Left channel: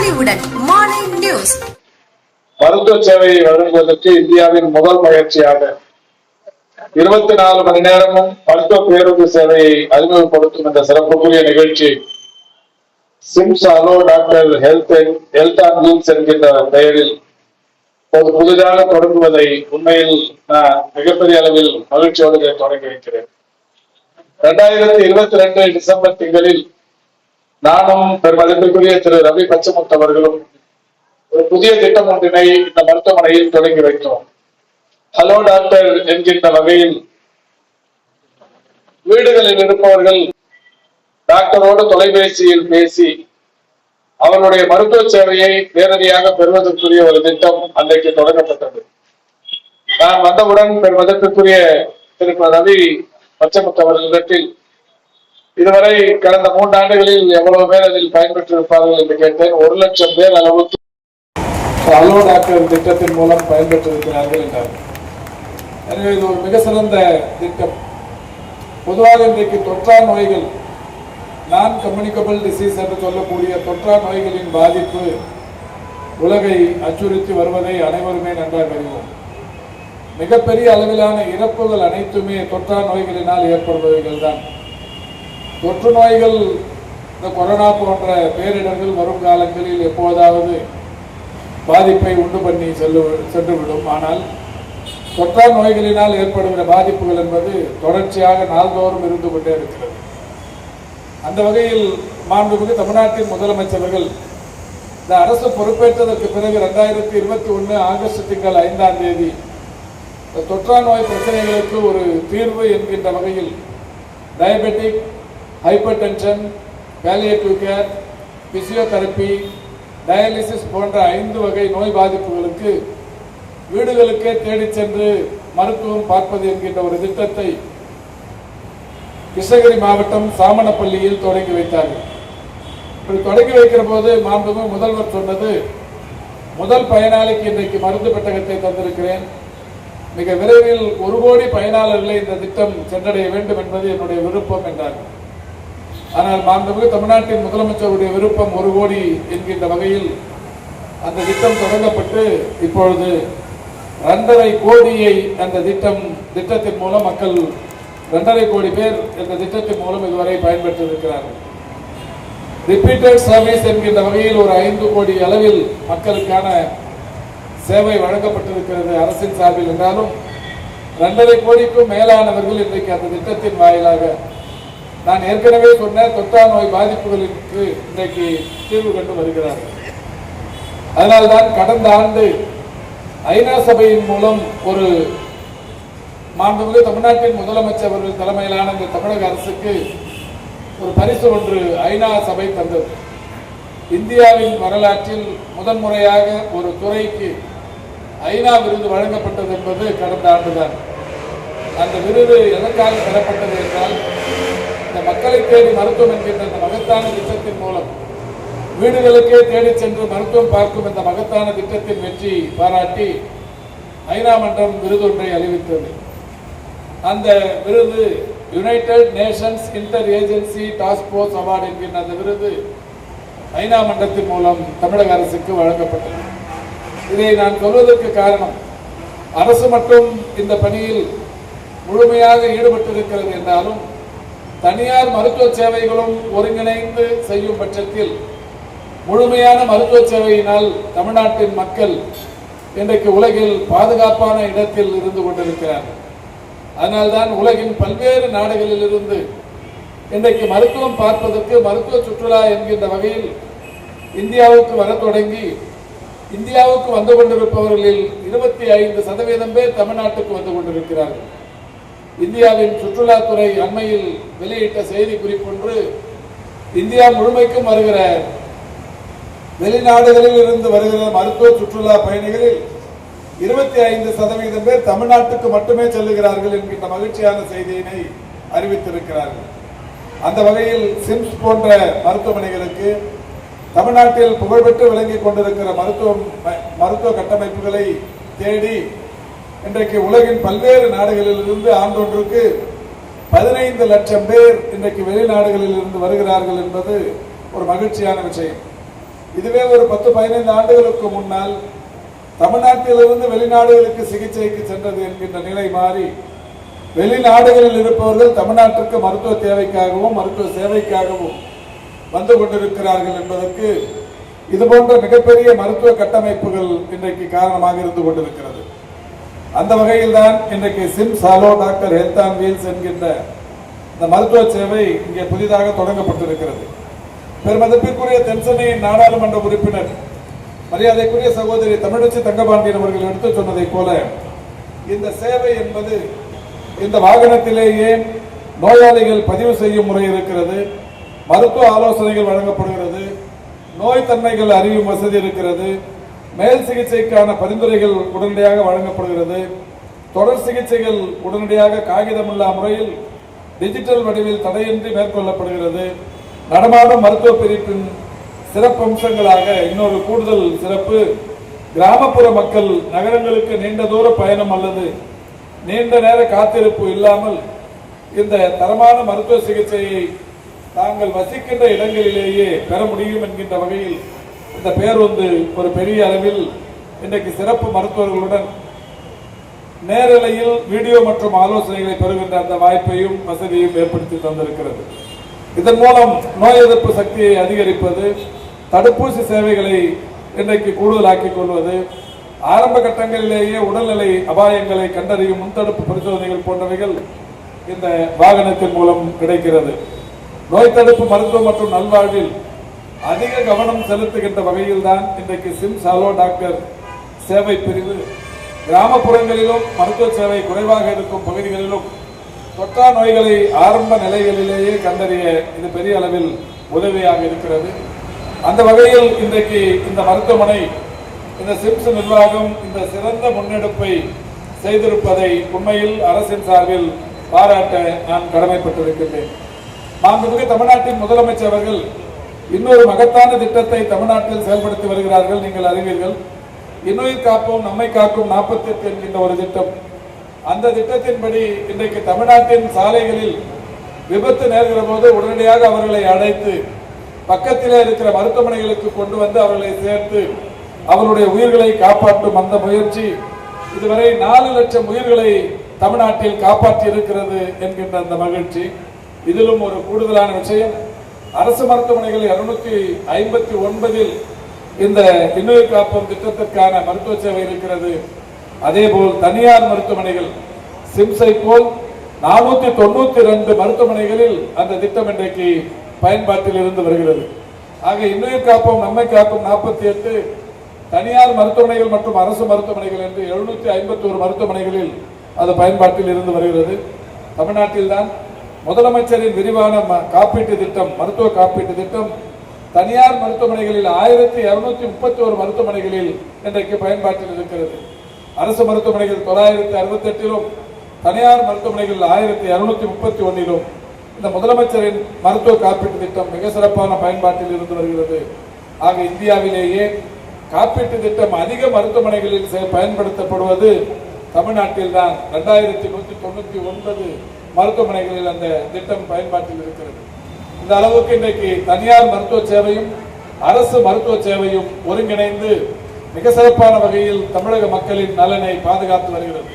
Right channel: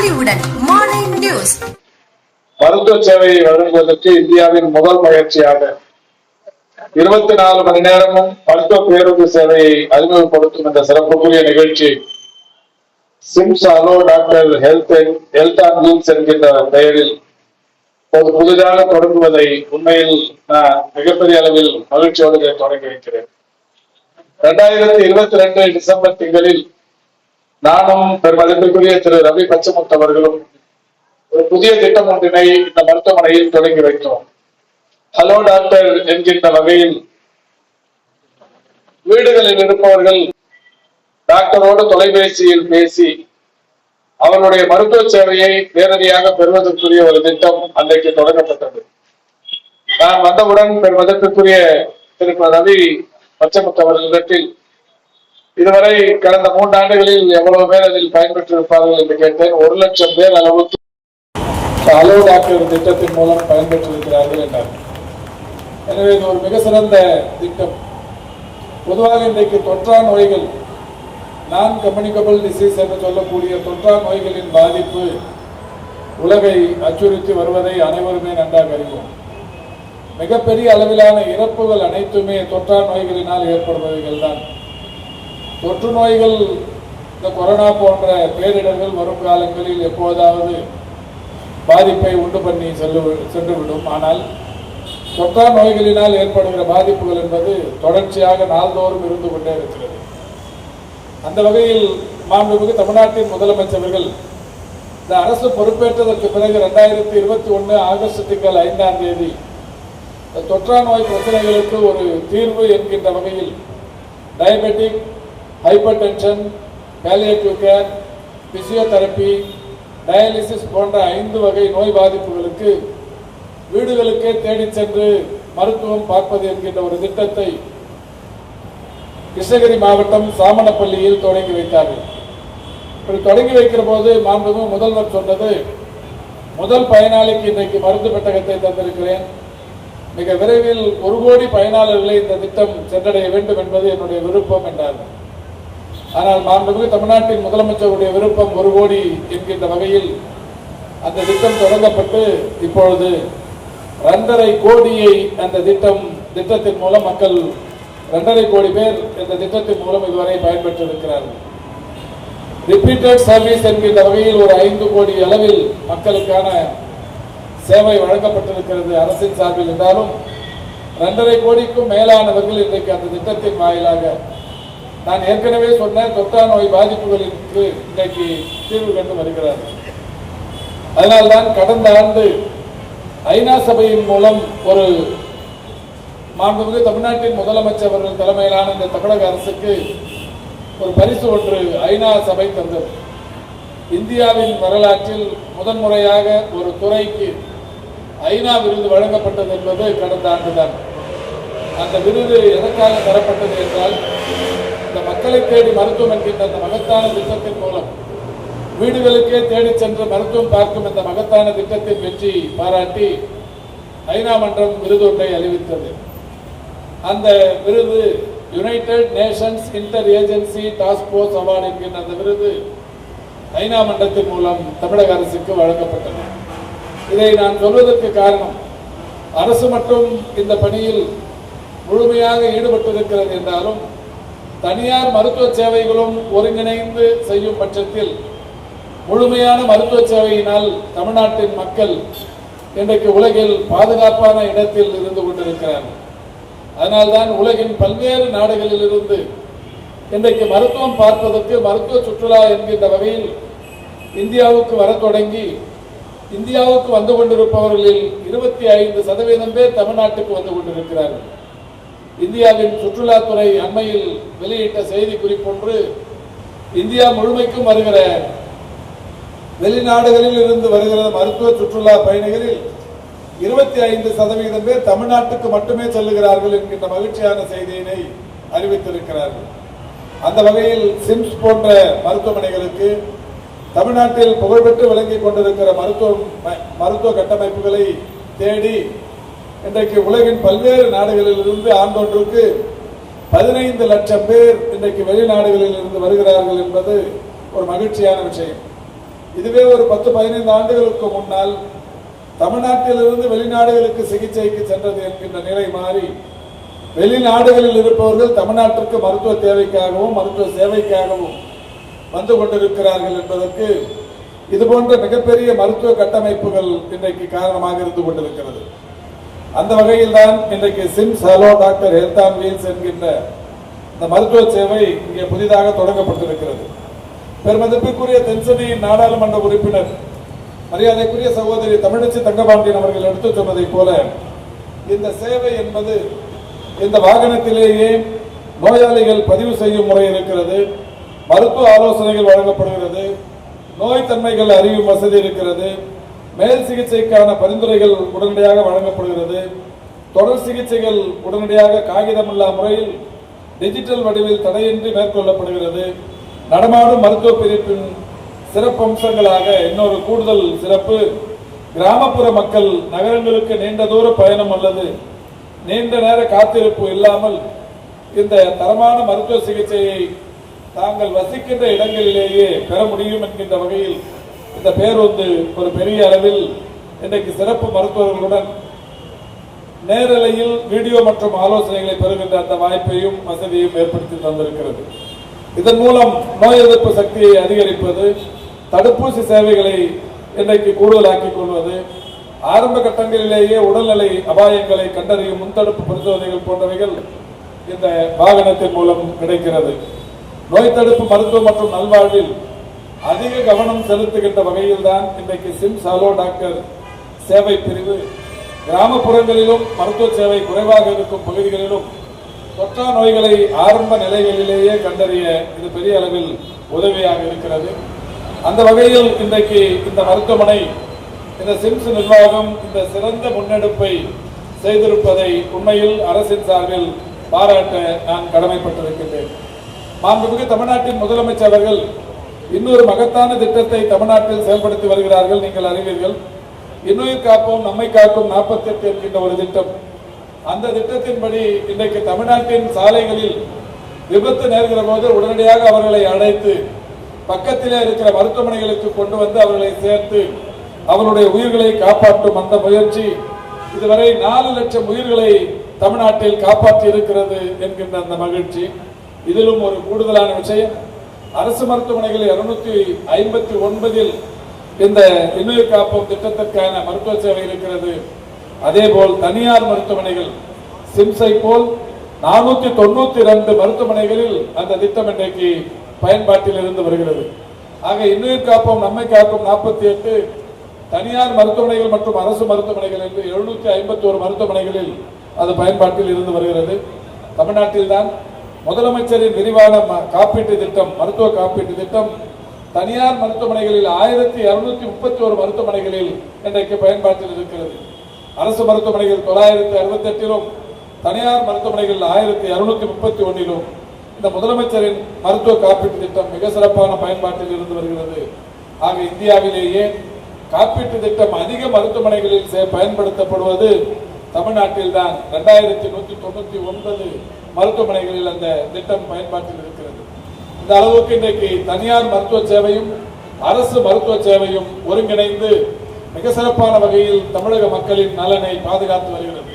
பொலிவுடன் மாலை நியூஸ். மருத்துவ சேவையை வழங்குவதற்கு இந்தியாவின் முதல் முயற்சியாக இருபத்தி நாலு மணி நேரமும் மருத்துவ பேருந்து சேவையை அறிமுகப்படுத்தும் இந்த சிறப்புக்குரிய நிகழ்ச்சி SIMS hello doctor health health and wheels என்கின்ற பெயரில் ஒரு புதிதாக தொடங்குவதை உண்மையில் நான் மிகப்பெரிய அளவில் மகிழ்ச்சியோடு தொடங்கி வைக்கிறேன். இரண்டாயிரத்தி இருபத்தி ரெண்டு டிசம்பர் திங்களில் நானும் பெருமதிப்பிற்குரிய திரு ரவி பச்சமுத்து அவர்களும் ஒரு புதிய திட்டம் ஒன்றினை இந்த மருத்துவமனையில் தொடங்கி வைத்தோம். ஹலோ டாக்டர் என்கின்ற வகையில் வீடுகளில் இருப்பவர்கள் டாக்டரோடு தொலைபேசியில் பேசி அவருடைய மருத்துவ சேவையை நேரடியாக பெறுவதற்குரிய ஒரு திட்டம் அன்றைக்கு தொடங்கப்பட்டது. நான் வந்தவுடன் பெருமதற்குரிய திரு ரவி பச்சமுத்து அவர்களிடத்தில் இதுவரை கடந்த மூன்றாண்டுகளில் எவ்வளவு பேர் அதில் பயன்பெற்றிருப்பார்கள் என்று கேட்டேன். ஒரு லட்சம் பேர் அளவுக்கு அளவு டாக்டர் திட்டத்தின் மூலம் பயன்பெற்றிருக்கிறார்கள் என்றார். எனவே இது ஒரு மிக சிறந்த திட்டம். பொதுவாக இன்றைக்கு தொற்றா நோய்கள் நான் கம்யூனிகபிள் டிசீஸ் என்று சொல்லக்கூடிய தொற்றா நோய்களின் பாதிப்பு உலகை அச்சுறுத்தி வருவதை அனைவருமே நன்றாக அறிவோம். மிகப்பெரிய அளவிலான இறப்புகள் அனைத்துமே தொற்றா நோய்களினால் ஏற்படுபவைகள் தான் தொற்று நோய்கள் இந்த கொரோனா போன்ற பேரிடர்கள் வரும் காலங்களில் எப்போதாவது பாதிப்பை உண்டு பண்ணி செல்லு சென்றுவிடும். ஆனால் தொற்றா நோய்களினால் ஏற்படுகிற பாதிப்புகள் என்பது தொடர்ச்சியாக நாள்தோறும் இருந்து கொண்டே இருக்கிறது. அந்த வகையில் மாண்புமிகு தமிழ்நாட்டின் முதலமைச்சர்கள் இந்த அரசு பொறுப்பேற்றதற்கு பிறகு ரெண்டாயிரத்தி இருபத்தி ஒன்று ஆகஸ்ட் திங்கள் ஐந்தாம் தேதி இந்த தொற்றா நோய் பிரச்சனைகளுக்கு ஒரு தீர்வு என்கின்ற வகையில் diabetic hypertension palliative care physiotherapy dialysis போன்ற ஐந்து வகை நோய் பாதிப்புகளுக்கு வீடுகளுக்கே தேடிச் சென்று மருத்துவம் பார்ப்பது என்கின்ற ஒரு திட்டத்தை கிருஷ்ணகிரி மாவட்டம் சாமனப்பள்ளியில் தொடங்கி வைத்தார்கள். இப்படி தொடங்கி வைக்கிற போது மாண்புமிகு முதல்வர் சொன்னது முதல் பயனாளிக்கு இன்றைக்கு மருந்து பெட்டகத்தை தந்திருக்கிறேன். மிக விரைவில் ஒரு கோடி பயனாளர்களை இந்த திட்டம் சென்றடைய வேண்டும் என்பது என்னுடைய விருப்பம் என்றார்கள். ஆனால் மாண்புமிகு தமிழ்நாட்டின் முதலமைச்சருடைய விருப்பம் ஒரு கோடி என்கின்ற வகையில் அந்த திட்டம் தொடங்கப்பட்டு இப்பொழுது இரண்டரை கோடியை அந்த திட்டம் திட்டத்தின் மூலம் மக்கள் இரண்டரை கோடி பேர் இந்த திட்டத்தின் மூலம் இதுவரை பயன்பெற்று இருக்கிறார்கள் ரிப்பீட்டட் சர்வீஸ் என்கின்ற வகையில் ஒரு ஐந்து கோடி அளவில் மக்களுக்கான சேவை வழங்கப்பட்டிருக்கிறது அரசின் சார்பில் என்றாலும் இரண்டரை கோடிக்கும் மேலானவர்கள் இன்றைக்கு அந்த திட்டத்தின் வாயிலாக நான் ஏற்கனவே சொன்ன தொற்றா நோய் பாதிப்புகளுக்கு இன்றைக்கு தீர்வு கண்டு வருகிறார்கள். அதனால்தான் கடந்த ஆண்டு ஐநா சபையின் மூலம் ஒரு மாண்புமிகு தமிழ்நாட்டின் முதலமைச்சர் அவர்கள் தலைமையிலான இந்த தமிழக அரசுக்கு ஒரு பரிசு ஒன்று ஐநா சபை தந்தது. இந்தியாவின் வரலாற்றில் முதன்முறையாக ஒரு துறைக்கு ஐநா விருது வழங்கப்பட்டது என்பது கடந்த ஆண்டுதான். அந்த விருது எதற்காக தரப்பட்டது என்றால் இந்த மக்களை தேடி மருத்துவம் என்கின்ற அந்த மகத்தான திட்டத்தின் மூலம் வீடுகளுக்கே தேடிச் சென்று மருத்துவம் பார்க்கும் இந்த மகத்தான திட்டத்தின் வெற்றி பாராட்டி ஐநா மன்றம் விருது ஒன்றை அறிவித்தது. அந்த விருது United Nations inter agency task force award என்கின்ற அந்த விருது ஐநா மன்றத்தின் மூலம் தமிழக அரசுக்கு வழங்கப்பட்டது. இதை நான் சொல்வதற்கு காரணம் அரசு மட்டும் இந்த பணியில் முழுமையாக ஈடுபட்டிருக்கிறது என்றாலும் தனியார் மருத்துவ சேவைகளும் ஒருங்கிணைந்து செய்யும் பட்சத்தில் முழுமையான மருத்துவ சேவையினால் தமிழ்நாட்டின் மக்கள் இன்றைக்கு உலகில் பாதுகாப்பான இடத்தில் இருந்து கொண்டிருக்கிறார்கள். அதனால்தான் உலகின் பல்வேறு நாடுகளில் இருந்து இன்றைக்கு மருத்துவம் பார்ப்பதற்கு மருத்துவ சுற்றுலா என்கின்ற வகையில் இந்தியாவுக்கு வர தொடங்கி இந்தியாவுக்கு வந்து கொண்டிருப்பவர்களில் இருபத்தி ஐந்து சதவீதம் பேர் தமிழ்நாட்டுக்கு வந்து கொண்டிருக்கிறார்கள். இந்தியாவின் சுற்றுலாத்துறை அண்மையில் வெளியிட்ட செய்தி குறிப்பொன்று இந்தியா முழுமைக்கும் வருகிற வெளிநாடுகளில் இருந்து வருகிற மருத்துவ சுற்றுலா பயணிகளில் இருபத்தி ஐந்து சதவீதம் பேர் தமிழ்நாட்டுக்கு மட்டுமே செல்லுகிறார்கள் என்கின்ற மகிழ்ச்சியான செய்தியினை அறிவித்திருக்கிறார்கள். அந்த வகையில் சிம்ஸ் போன்ற மருத்துவமனைகளுக்கு தமிழ்நாட்டில் புகழ்பெற்று விளங்கிக் கொண்டிருக்கிற மருத்துவ மருத்துவ கட்டமைப்புகளை தேடி இன்றைக்கு உலகின் பல்வேறு நாடுகளில் இருந்து ஆண்டொன்றுக்கு பதினைந்து லட்சம் பேர் இன்றைக்கு வெளிநாடுகளில் இருந்து வருகிறார்கள் என்பது ஒரு மகிழ்ச்சியான விஷயம். இதுவே ஒரு பத்து பதினைந்து ஆண்டுகளுக்கு முன்னால் தமிழ்நாட்டிலிருந்து வெளிநாடுகளுக்கு சிகிச்சைக்கு சென்றது என்கின்ற நிலை மாறி வெளிநாடுகளில் இருப்பவர்கள் தமிழ்நாட்டிற்கு மருத்துவ தேவைக்காகவும் மருத்துவ சேவைக்காகவும் வந்து கொண்டிருக்கிறார்கள் என்பதற்கு இது போன்ற மிகப்பெரிய மருத்துவ கட்டமைப்புகள் இன்றைக்கு காரணமாக இருந்து கொண்டிருக்கிறது. அந்த வகையில் தான் இன்றைக்கு SIMS hello doctor health on wheels என்கின்ற இந்த மருத்துவ சேவை இங்கே புதிதாக தொடங்கப்பட்டிருக்கிறது. பெருமதிப்பிற்குரிய தென்சென்னையின் நாடாளுமன்ற உறுப்பினர் மரியாதைக்குரிய சகோதரி தமிழச்சி தங்கபாண்டியன் அவர்கள் எடுத்துச் சொன்னதைப் போல இந்த சேவை என்பது இந்த வாகனத்திலேயே நோயாளிகள் பதிவு செய்யும் முறை இருக்கிறது மருத்துவ ஆலோசனைகள் வழங்கப்படுகிறது நோய் தன்மைகள் அறியும் வசதி இருக்கிறது மேல் சிகிச்சைக்கான பரிந்துரைகள் உடனடியாக வழங்கப்படுகிறது. தொடர் சிகிச்சைகள் உடனடியாக காகிதமில்லா முறையில் டிஜிட்டல் வடிவில் தடையின்றி மேற்கொள்ளப்படுகிறது. நடமாடும் மருத்துவ பிரிப்பின் சிறப்பு அம்சங்களாக இன்னொரு கூடுதல் சிறப்பு கிராமப்புற மக்கள் நகரங்களுக்கு நீண்ட தூர பயணம் அல்லது நீண்ட நேர காத்திருப்பு இல்லாமல் இந்த தரமான மருத்துவ சிகிச்சையை தாங்கள் வசிக்கின்ற இடங்களிலேயே பெற முடியும் என்கின்ற வகையில் இந்த பேருந்து ஒரு பெரிய அளவில் இன்றைக்கு சிறப்பு மருத்துவர்களுடன் நேரலையில் வீடியோ மற்றும் ஆலோசனைகளை பெறுகின்ற அந்த வாய்ப்பையும் வசதியையும் ஏற்படுத்தி தந்திருக்கிறது. இதன் மூலம் நோய் எதிர்ப்பு சக்தியை அதிகரிப்பது தடுப்பூசி சேவைகளை இன்றைக்கு கூடுதலாக்கிக் கொள்வது ஆரம்ப கட்டங்களிலேயே உடல்நிலை அபாயங்களை கண்டறியும் முன்தடுப்பு பரிசோதனைகள் போன்றவைகள் இந்த வாகனத்தின் மூலம் கிடைக்கிறது. நோய் தடுப்பு மருத்துவம் மற்றும் நல்வாழ்வில் அதிக கவனம் செலுத்துகின்ற வகையில் தான் இன்றைக்கு சிம்ஸ் ஹலோ டாக்டர் சேவை பிரிவு. கிராமப்புறங்களிலும் மருத்துவ சேவை குறைவாக இருக்கும் பகுதிகளிலும் தொற்றா நோய்களை ஆரம்ப நிலைகளிலேயே கண்டறிய இது பெரிய அளவில் உதவியாக இருக்கிறது. அந்த வகையில் இன்றைக்கு இந்த மருத்துவமனை இந்த சிம்ஸ் நிர்வாகம் இந்த சிறந்த முன்னெடுப்பை செய்திருப்பதை உண்மையில் அரசின் சார்பில் பாராட்ட நான் கடமைப்பட்டிருக்கின்றேன். மாண்புமிகு தமிழ்நாட்டின் முதலமைச்சர் அவர்கள் இன்னொரு மகத்தான திட்டத்தை தமிழ்நாட்டில் செயல்படுத்தி வருகிறார்கள் நீங்கள் அறிவீர்கள். இன்னுயிர் காப்போம் நம்மை காக்கும் நாற்பத்தி எட்டு என்கின்ற ஒரு திட்டம். அந்த திட்டத்தின்படி இன்றைக்கு தமிழ்நாட்டின் சாலைகளில் விபத்து நேர்கிற போது உடனடியாக அவர்களை அழைத்து பக்கத்திலே இருக்கிற மருத்துவமனைகளுக்கு கொண்டு வந்து அவர்களை சேர்த்து அவருடைய உயிர்களை காப்பாற்றும் அந்த முயற்சி இதுவரை நாலு லட்சம் உயிர்களை தமிழ்நாட்டில் காப்பாற்றி இருக்கிறது என்கின்ற அந்த மகிழ்ச்சி. இதிலும் ஒரு கூடுதலான விஷயம் அரசு மருத்துவமனைகள் இருநூத்தி ஐம்பத்தி ஒன்பதில் இந்த இன்னுயிர் காப்போம் திட்டத்திற்கான மருத்துவ சேவை இருக்கிறது. அதே போல் தனியார் மருத்துவமனைகள் சிம்சை போல் நானூத்தி தொண்ணூத்தி ரெண்டு மருத்துவமனைகளில் அந்த திட்டம் இன்றைக்கு பயன்பாட்டில் இருந்து வருகிறது. ஆக இன்னுயிர் காப்போம் நம்மை காப்போம் நாற்பத்தி எட்டு தனியார் மருத்துவமனைகள் மற்றும் அரசு மருத்துவமனைகள் என்று எழுநூத்தி ஐம்பத்தி ஒரு மருத்துவமனைகளில் அது பயன்பாட்டில் இருந்து வருகிறது. தமிழ்நாட்டில் தான் முதலமைச்சரின் விரிவான ம- காப்பீட்டு திட்டம் மருத்துவ காப்பீட்டு திட்டம் தனியார் மருத்துவமனைகளில் ஆயிரத்தி இருநூத்தி முப்பத்தி ஒரு மருத்துவமனைகளில் இன்றைக்கு பயன்பாட்டில் இருக்கிறது. அரசு மருத்துவமனைகள் தொள்ளாயிரத்தி அறுபத்தி எட்டிலும் தனியார் மருத்துவமனைகள் ஆயிரத்தி இருநூத்தி முப்பத்தி ஒன்னிலும் இந்த முதலமைச்சரின் மருத்துவ காப்பீட்டு திட்டம் மிக சிறப்பான பயன்பாட்டில் இருந்து வருகிறது. ஆக இந்தியாவிலேயே காப்பீட்டு திட்டம் அதிக மருத்துவமனைகளில் பயன்படுத்தப்படுவது தமிழ்நாட்டில் தான் ரெண்டாயிரத்தி நூற்றி தொண்ணூத்தி ஒன்பது மருத்துவமனைகளில் அந்த திட்டம் பயன்பாட்டில் இருக்கிறது இந்த அளவுக்கு இன்றைக்கு தனியார் மருத்துவ சேவையும் அரசு மருத்துவ சேவையும் ஒருங்கிணைந்து மிக சிறப்பான வகையில் தமிழக மக்களின் நலனை பாதுகாத்து வருகிறது.